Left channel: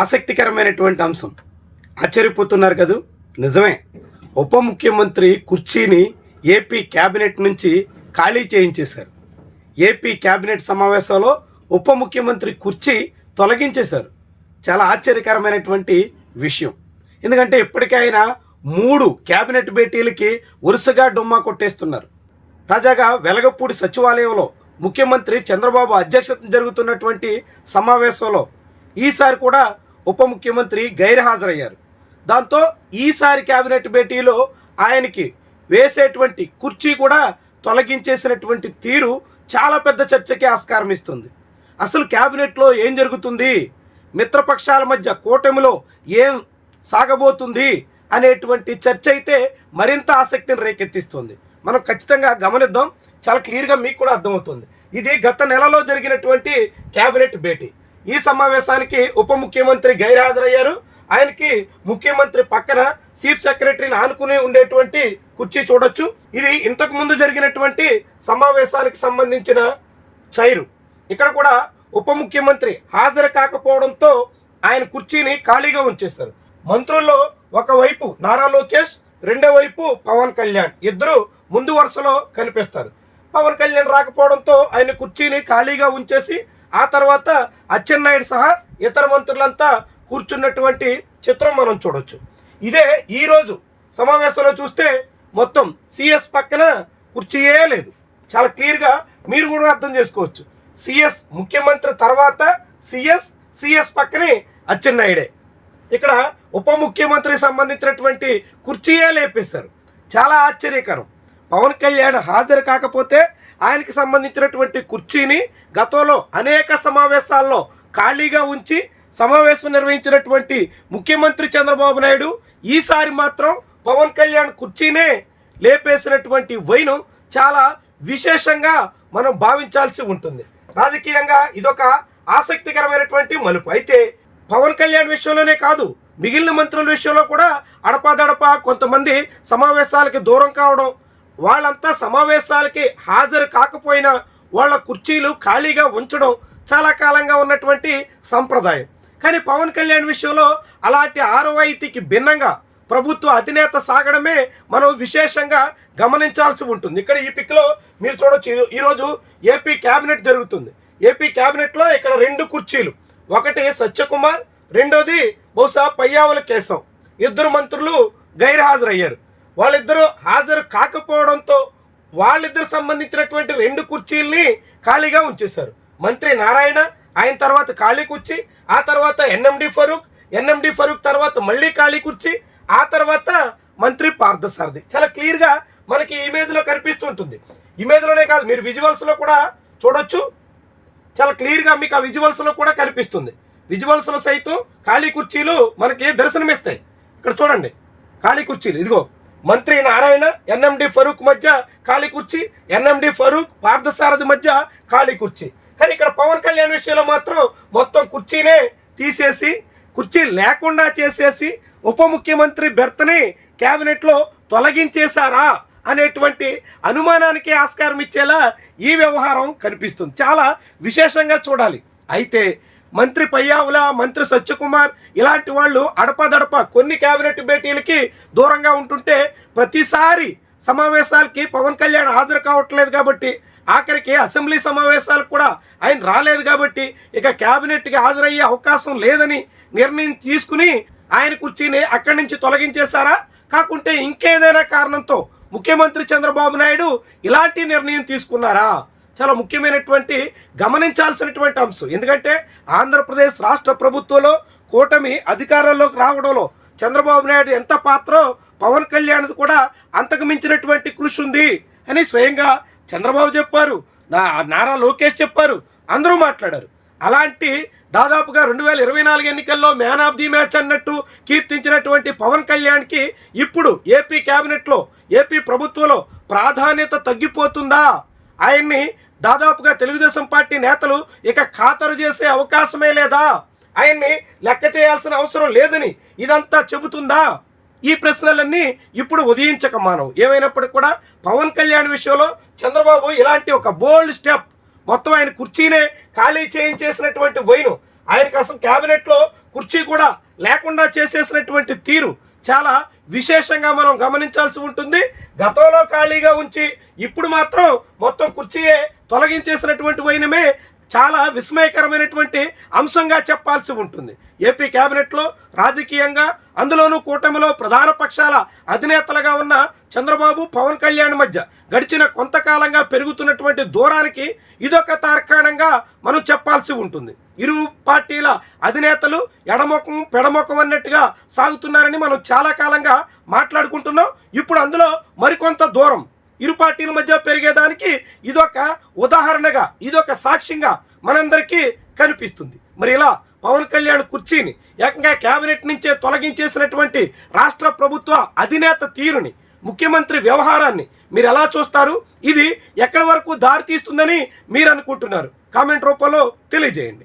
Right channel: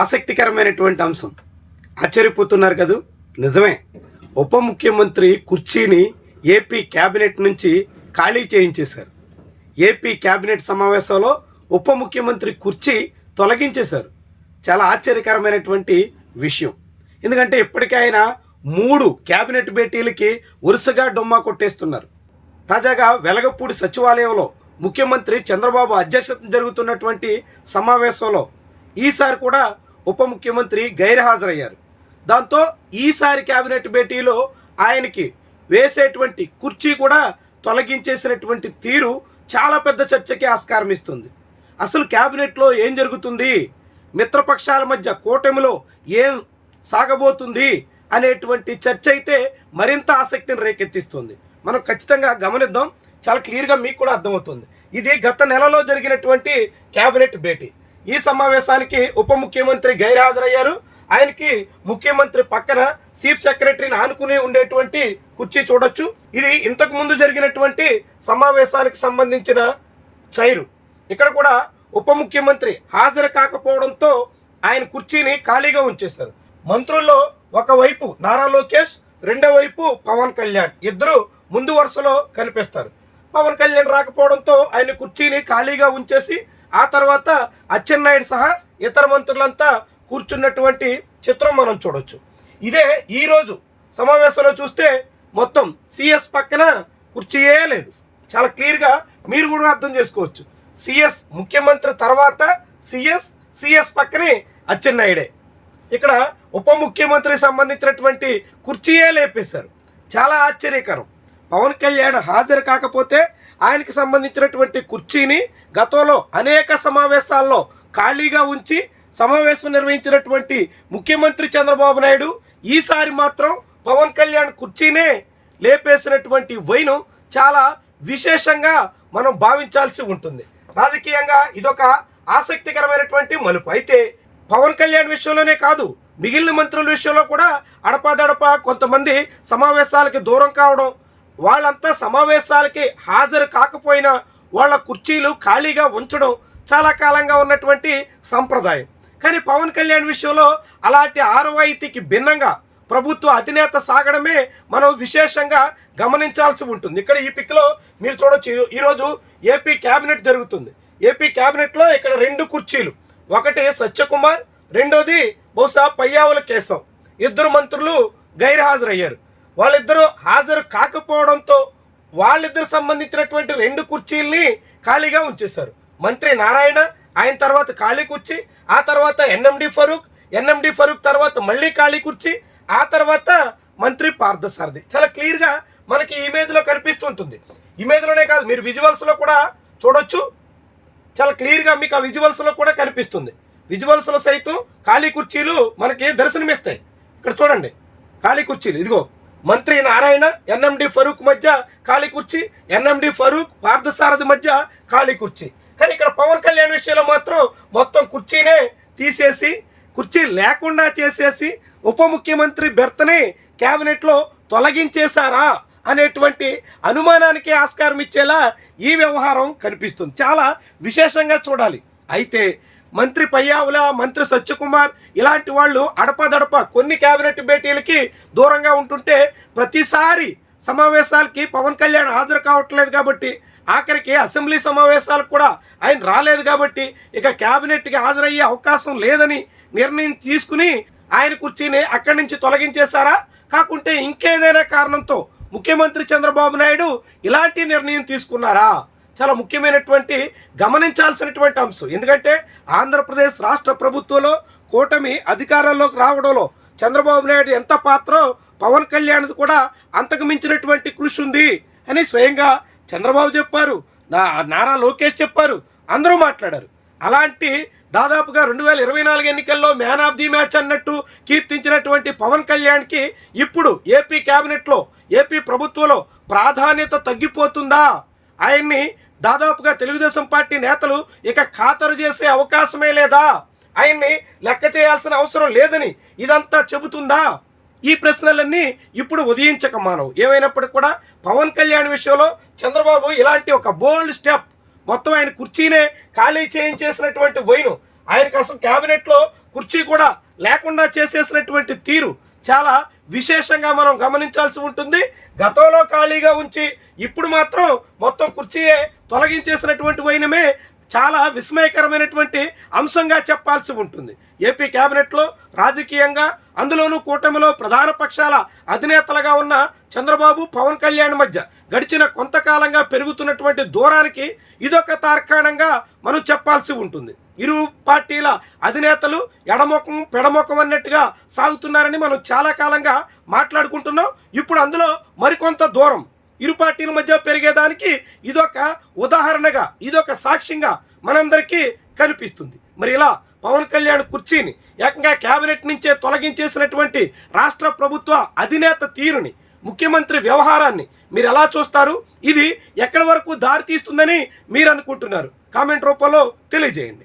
ఆసక్తికరమైనటువంటి అంశం. ఆశ్చర్యపోతున్నారు కదూ? నిజమే. ఉప ముఖ్యమంత్రి కుర్చీని ఏపీ కేబినెట్ నుంచి ఖాళీ చేయించేశారు. ఏపీ కేబినెట్ సమావేశంలో ఉప ముఖ్యమంత్రి కుర్చీ తొలగించేశారు. చాలా ఆశ్చర్యకరమైనటువంటి విషయం. ఎందుకంటే ఇప్పటికే ఆయన 3 కేబినెట్ భేటీలకి వరుసగా డొమ్మా కొట్టేస్తున్నారు. తాజాగా వెలగపూడి సచివాలయంలో ముఖ్యమంత్రి చంద్రబాబు అధ్యక్షతన జరుగుతున్నటువంటి సమావేశంలో ఈసారి కూడా ఉప ముఖ్యమంత్రి గైర్హాజరయ్యారు. దాంతో ఈసారి కేబినెట్ భేటీలో ఆయనకి వేసేటువంటి కుర్చీ కూడా తొలగించేసినటువంటి తీరు చాలా పెద్ద చర్చకి ఆస్కారం ఇస్తుంది. అసలు కేబినెట్లో ఏం జరుగుతుంది, మిత్రపక్షాల మధ్య కూటమిలో ఏం సాగబోతుంది అనేటువంటి చర్చ అయితే మరింత ఆసక్తిని రేకెత్తిస్తుంది. మనం ఖచ్చితంగా గమనిద్దాం. చాలా క్లియర్గా మీకు కూడా అర్థమవుతుంది. ఇది గత నెలలో జరిగినటువంటి కేబినెట్ భేటీ. ఈ సమావేశానికి ఉప ముఖ్యమంత్రి గైర్హాజరయ్యారు. ఆయనకి ముఖ్యమంత్రి పక్కన చీఫ్ సెక్రటరీని ఆనుకుని ఉండేటువంటి కుర్చీ చూడొచ్చు. ఇది ఇంతకు ముందు జరిగినటువంటి సమావేశానికి సంబంధించిన చైరు. ఇక్కడ కూడా ఉప ముఖ్యమంత్రి హాజరు కాకపోవడంతో ఆయన కుర్చీని ఖాళీగా ఉంచేశారు. మంత్రుల్లో ఒకవైపు నారా లోకేష్, రెండో వైపు పవన్ కళ్యాణ్, ఇద్దరు ముందు వరుసలో కనిపిస్తారు. పవన్ కళ్యాణ్ రాకపోవడంతో ఆయన కుర్చీని ఖాళీగా ఉంచేసి ఆ తర్వాత అచ్చెన్నాయుడు సహా ఇతర మంత్రులంతా కూర్చున్నటువంటి చిత్రం మనం చూడొచ్చు. ఇదే ఈరోజు సమావేశంలో చూస్తే మొత్తం సిఎస్ పక్కన కుర్చీయే లేదు. చాలా క్లియర్గా మీరు కూడా అర్థం చేసుకోవచ్చు. సిఎస్ ముఖ్యమంత్రి తర్వాత సిఎస్ పక్కనే అచ్చెన్నాయుడే. ఇక్కడ ఉప ముఖ్యమంత్రికి సంబంధించినటువంటి కుర్చీయే లేపేశారు. చాలా ఆశ్చర్యకరం. పవన్ కళ్యాణ్ హాజరు కాకపోతే ఆయనకి సంబంధించినటువంటి కుర్చీని గతంలో అనేక సమావేశాల్లో ఖాళీగా ఉంచి సమావేశం నిర్వహించినటువంటి ముఖ్యమంత్రి చంద్రబాబు నాయుడు ఈసారి మాత్రం పవన్ కళ్యాణ్ కుర్చీనే లేపేసినటువంటి వైనం చాలా విశేషంగా మనం భావించాల్సి ఉంటుంది. రాజకీయంగా ఇదొక ఆసక్తికరమైనటువంటి మలుపు. అయితే పవన్ కళ్యాణ్ విషయంలోనే కాదు, మిగిలిన మంత్రుల విషయంలో కూడా అడపాదడపా కొంతమంది సమావేశాలకి దూరం కావడం, వాళ్ళంతా సమావేశాలకి హాజరు కాకపోయినా వాళ్ళ కుర్చీలు ఖాళీగా ఉంచడం చాలా కాలంగా ఉన్నటువంటి సంప్రదాయం. కానీ పవన్ కళ్యాణ్ విషయంలో అలాంటి ఆనవాయితీకి భిన్నంగా ప్రభుత్వ అధినేత సాగడమే మనం విశేషంగా గమనించాల్సి ఉంటుంది. ఇక్కడ ఈ పిక్లో మీరు చూడొచ్చు, ఈరోజు ఏపీ కేబినెట్ జరుగుతుంది. ఏపీ కేబినెట్లో ఇక్కడ 2 కుర్చీలు, ఒకటి సత్యకుమార్, రెండోది బహుశా పయ్యావుల కేశవ్. ఇద్దరు మంత్రులు గైర్హాజరయ్యారు. వాళ్ళిద్దరూ హాజరు కాకపోవడంతో వాళ్ళిద్దరు సంబంధించినటువంటి 2 కుర్చీల్ని ఖాళీగా ఉంచేశారు. మంత్రి నారాయణ, ఆయన తర్వాత ఖాళీ కుర్చీ, ఆ తర్వాత ఎన్ఎండి ఫరూక్ తర్వాత మళ్ళీ ఖాళీ కుర్చీ, ఆ తర్వాత మంత్రి పార్థసారథి. చాలా క్లియర్గా మనకి ఇమేజ్లో కనిపిస్తుంటుంది. ఇమేజ్లోనే కాదు, మీరు విజువల్స్లో కూడా చూడొచ్చు. చాలా క్లియర్గా మీకు ఆ విజువల్స్లో కూడా కనిపిస్తుంది. విజువల్స్లో సైతం ఖాళీ కుర్చీలు మనకి దర్శనమిస్తాయి. ఇక్కడ చూడండి, ఖాళీ కుర్చీలు. ఇదిగో మంత్రి నారాయణ, ఎన్ఎండి ఫరూక్ మధ్య ఖాళీ కుర్చీ, ఎన్ఎండి ఫరూక్ పార్థసారథి మధ్య ఖాళీ కుర్చీ. కానీ ఇక్కడ పవన్ కళ్యాణ్ విషయంలో మాత్రం మొత్తం కుర్చీనే తీసేసి, కుర్చీ లేకుండా చేసేసి ఉప ముఖ్యమంత్రి బెర్త్ని కేబినెట్లో తొలగించేశారా అనేటువంటి అనుమానానికి ఆస్కారం ఇచ్చేలా ఈ వ్యవహారం కనిపిస్తుంది. చాలా విశేషంగా చూడాలి. అయితే మంత్రి పయ్యావుల, మంత్రి సత్యకుమార్ ఇలాంటి వాళ్ళు అడపదడప కొన్ని కేబినెట్ భేటీలకి దూరంగా ఉంటుంటే ప్రతిసారి సమావేశాలకి పవన్ కళ్యాణ్ హాజరు కావట్లేదు కాబట్టి, ఆఖరికి అసెంబ్లీ సమావేశాలకు కూడా ఆయన రాలేదు కాబట్టి ఇక కేబినెట్కి హాజరయ్యే అవకాశం లేదని నిర్ణయం తీసుకుని ఆయన కుర్చీని అక్కడి నుంచి తొలగించేశారా, కాకుంటే ఇంకేదైనా కారణంతో ముఖ్యమంత్రి చంద్రబాబు నాయుడు ఇలాంటి నిర్ణయం తీసుకున్నారా? చాలా ముఖ్యమైనటువంటి గమనించాల్సినటువంటి అంశం. ఎందుకంటే ఆంధ్రప్రదేశ్ రాష్ట్ర ప్రభుత్వంలో కూటమి అధికారంలోకి రావడంలో చంద్రబాబు నాయుడు ఎంత పాత్రో పవన్ కళ్యాణ్ది కూడా అంతకు మించినటువంటి కృషి ఉంది అని స్వయంగా చంద్రబాబు చెప్పారు, నారా లోకేష్ చెప్పారు, అందరూ మాట్లాడారు. అలాంటి దాదాపుగా 2024 ఎన్నికల్లో మ్యాన్ ఆఫ్ ది మ్యాచ్ అన్నట్టు కీర్తించినటువంటి పవన్ కళ్యాణ్కి ఇప్పుడు ఏపీ కేబినెట్లో, ఏపీ ప్రభుత్వంలో ప్రాధాన్యత తగ్గిపోతుందా? ఆయన్ని దాదాపుగా తెలుగుదేశం పార్టీ నేతలు ఇక ఖాతరు చేసే అవకాశమే లేదా? ఆయన్ని లెక్క చేయాల్సిన అవసరం లేదని ఇదంతా చెబుతుందా? ఈ ప్రశ్నలన్నీ ఇప్పుడు ఉదయించక మానవు. ఏమైనప్పటికీ కూడా పవన్ కళ్యాణ్ విషయంలో చంద్రబాబు ఇలాంటి ఒక బోల్డ్ స్టెప్, మొత్తం ఆయన కుర్చీనే ఖాళీ చేయించేసినటువంటి వైను, ఆయనకు అసలు క్యాబినెట్లో కుర్చీ కూడా లేకుండా చేసేసినటువంటి తీరు చాలా విశేషంగా మనం గమనించాల్సి ఉంటుంది. గతంలో ఖాళీగా ఉంచి ఇప్పుడు మాత్రం మొత్తం కుర్చీయే తొలగించేసినటువంటి వైనమే చాలా విస్మయకరమైనటువంటి అంశంగా చెప్పాల్సి ఉంటుంది. ఏపీ కేబినెట్లో రాజకీయంగా, అందులోనూ కూటమిలో ప్రధాన పక్షాల అధినేతలుగా ఉన్న చంద్రబాబు, పవన్ కళ్యాణ్ మధ్య గడిచిన కొంతకాలంగా పెరుగుతున్నటువంటి దూరానికి ఇదొక తార్కాణంగా మనం చెప్పాల్సి ఉంటుంది. ఇరు పార్టీల అధినేతలు ఎడముఖం పెడముఖం అన్నట్టుగా సాగుతున్నారని మనం చాలా కాలంగా మాట్లాడుకుంటున్నాం. ఇప్పుడు అందులో మరికొంత దూరం ఇరు పార్టీల మధ్య పెరిగేదానికి ఇదొక ఉదాహరణగా, ఇదొక సాక్ష్యంగా మనందరికీ కనిపిస్తుంది. మరి ఇలా పవన్ కళ్యాణ్ కుర్చీని ఏకంగా కేబినెట్ నుంచే తొలగించేసినటువంటి రాష్ట్ర ప్రభుత్వ అధినేత తీరుని, ముఖ్యమంత్రి వ్యవహారాన్ని మీరు ఎలా చూస్తారు? ఇది ఎక్కడి వరకు దారి తీస్తుందని మీరు అనుకుంటున్నారు? కామెంట్ రూపంలో తెలియజేయండి.